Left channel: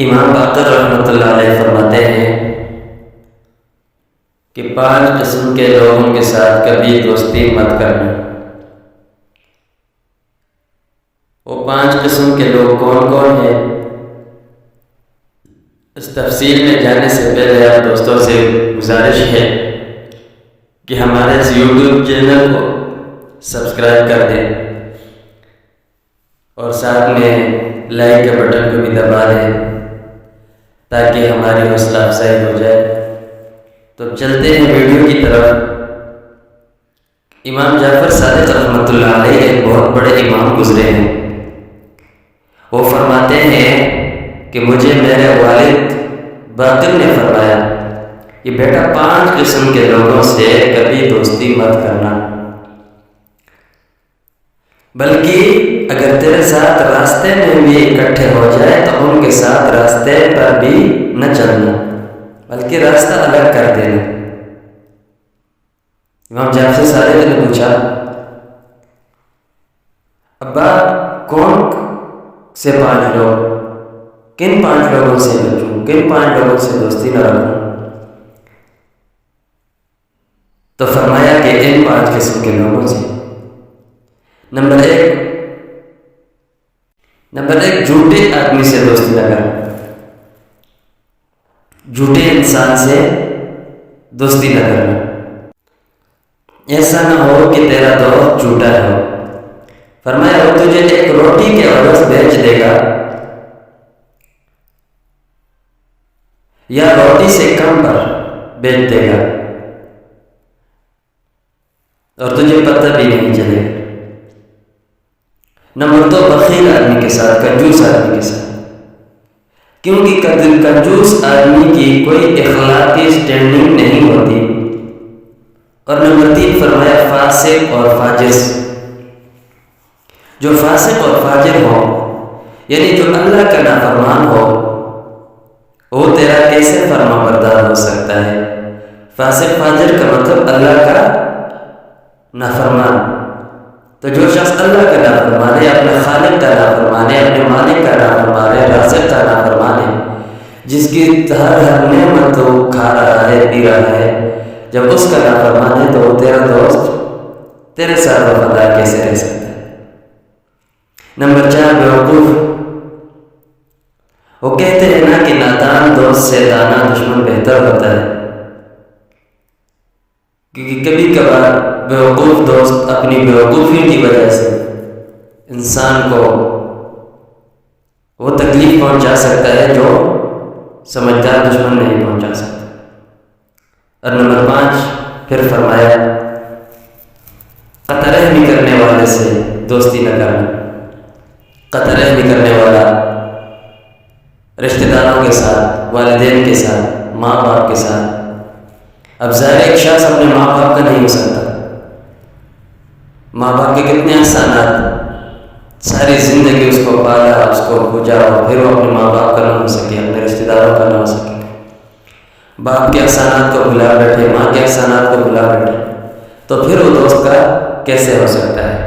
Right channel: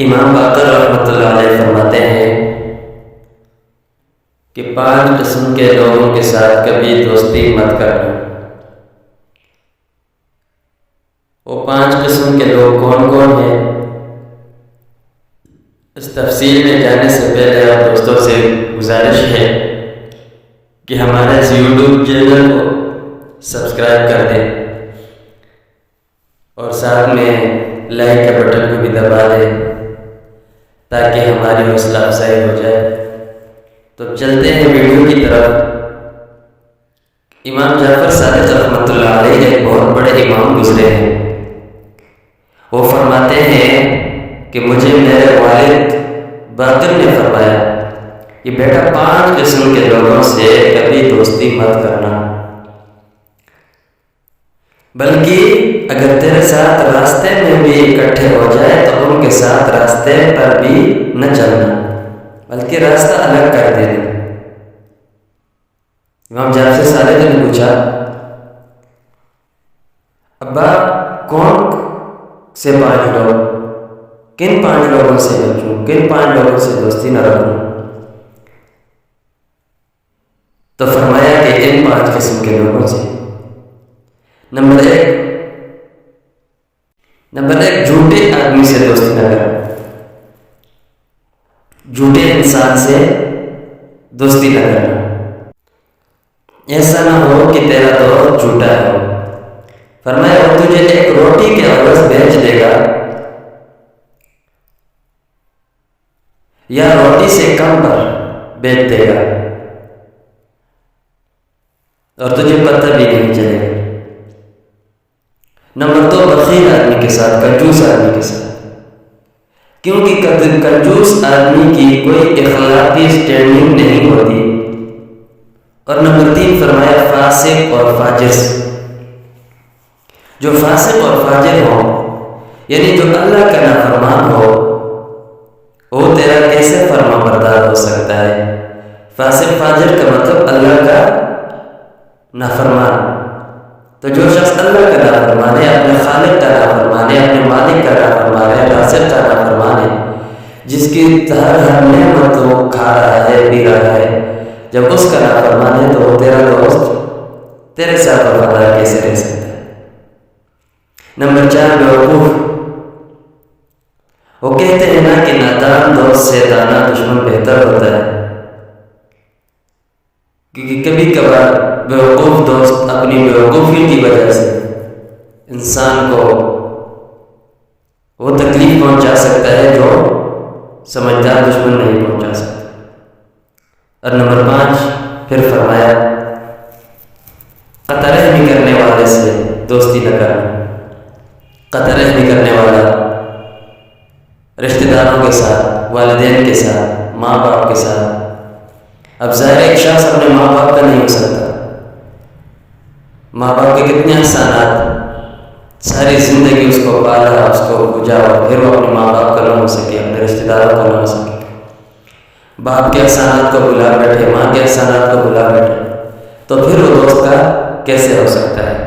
امام باقر رحمۃ اللہ علیہ فرماتے ہیں کہ 5 قسم کے لوگوں کے ساتھ کبھی دوستی مت کرنا۔ وہ 5 قسم کے لوگ کون کون ہیں؟ اس تفصیل میں جانے سے پہلے آپ دوستوں سے گزارش ہے کہ ہمارے اس یوٹیوب چینل کو سبسکرائب کر دیں اور ساتھ میں لائک کے بٹن کو بھی دبا دیں تاکہ ہماری حوصلہ افزائی ہو جائے۔ تو چلتے ہیں ویڈیو کی طرف۔ امام جعفر صادق رحمۃ اللہ علیہ ایک بہت بڑے امام گزرے ہیں۔ وہ فرماتے ہیں کہ مجھے میرے والد باقر نے فرمایا کہ بیٹا 5 قسم کے لوگوں سے کبھی دوستی مت کرنا، بلکہ اگر تیرے ساتھ راستے میں بھی اکٹھے ہو جائے تو ان کے ساتھ راستے پر بھی نہ چلنا، بلکہ راستہ الگ کر دینا۔ امام جعفر صادق نے پوچھا، ابا کون سے 5 لوگ، کن 5 لوگوں سے بچوں، کن 5 لوگوں سے دوستی نہ رکھوں؟ تو فرمایا کہ ان 5 قسم کے لوگوں سے۔ نمبر ایک جھوٹے آدمی سے دوستی نہ کرنا، جھوٹے انسان سے دوستی نہ کرنا۔ ایسا نہ ہو کہ تیرا دوست جھوٹا ہو۔ فرمایا وہ تجھے ایک روٹی کے عوض بیچ دے گا یا روٹی سے کم پر بیچ دے گا اور تجھے پتہ بھی نہیں چلے گا۔ نمبر 2 بخیل آدمی کے ساتھ، کنجوس آدمی کے ساتھ، کیونکہ کنجوس آدمی کی کوئی اخلاقی سٹینڈنگ نہیں ہوتی۔ اور نمبر 3 فرمایا فاسق اور فاجر سے۔ جو فاسق اور فاجر ہو، یعنی جو اللہ کا نافرمان ہو، وہ تیرا کیسے فرما بردار ہو سکتا ہے؟ فاسق فاجر کا مطلب اللہ کا نافرمان۔ تو جو شخص اللہ کا نافرمان ہے، اپنے خالق کا نافرمان ہے، اپنے مالک کا نافرمان ہے، رازق کا نافرمان ہے، جس کی ہر نعمت وہ کھا رہا ہے، پی رہا ہے، جب اس کا نافرمان ہے تو وہ تیرا دوست تیرے ساتھ وفادار کیسے رہ سکتا ہے؟ نمبر 4 بیوقوف۔ وہ کہتے ہیں نا کہ نادان دوست سے دانا دشمن بہتر ہوتا ہے، کیونکہ کبھی کبھار بیوقوف دوست اپنی بیوقوفیوں کی وجہ سے انسان کو وہ تکلیف پہنچا سکتا ہے جو سمجھدار دشمن نہیں پہنچا سکتا۔ اور نمبر 5 پھر فرمایا قطع رحمی کرنے والے سے دوستی نہ کرنا۔ قطع رحمی کرنے والا رشتہ داروں کے ساتھ، والدین کے ساتھ، ماں باپ کے ساتھ۔ اب ظاہر ایک شخص اپنے ماں باپ کا نہیں ہو سکتا۔ ماں باپ کے کتنے احسانات، ساری زندگی اس کو پالا، اس کو پوجا، اور پھر وہ اپنے ماں باپ کا نہ ہو سکے، اپنے رشتہ داروں کا نہ ہو سکے۔ باپ کے احسانات کو بھلا بیٹھے، ماں کے احسانات کو بھلا بیٹھے، تو پھر وہ دوست کا کیسے ہو سکتا ہے؟